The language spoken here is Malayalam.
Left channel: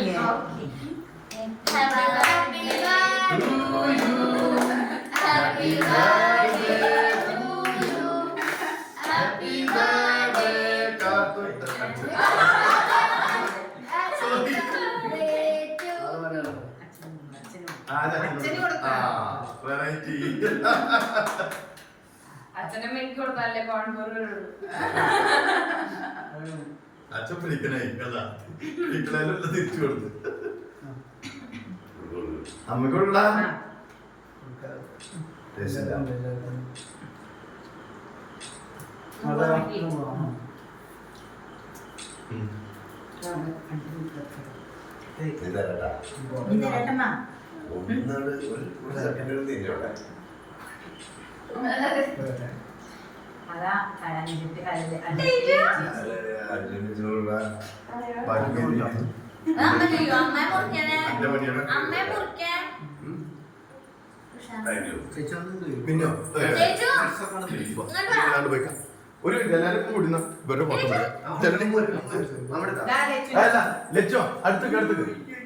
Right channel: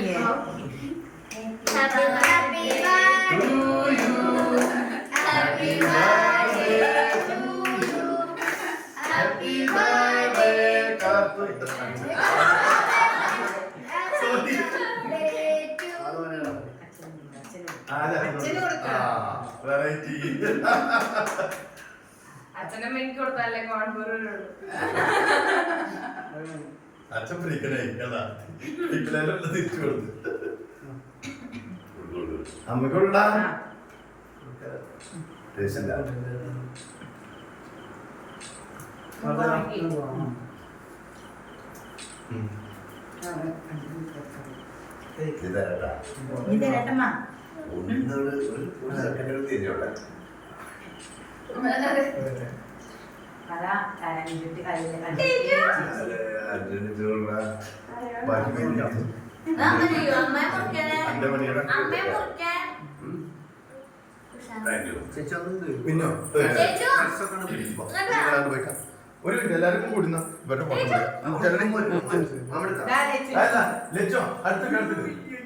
പാടില്ലേ Happy birthday To you. Happy birthday to you. Happy birthday കാത്തു. Sorry. അത് മലയാളം. ആ, അതെ, അച്ഛന്. അച്ഛനമ്മയ്ക്ക് കൊടുത്താലേ കോൺഫറുള്ളൂ അച്ഛൻ പിടിക്കണേ കേട്ടാ പിടിക്കണേലുള്ള തിരിച്ചു കൊടുത്ത്. അമ്മക്കുള്ള ഇതേട്ടാ. അതാ അമ്മ ചെയ്യോ മുറിക്കണേ മുറിക്കാൻ ഒരു എല്ലാരും കൂടുന്ന ഇവരുടെ ലച്ചോ അടുത്ത് അടുത്ത്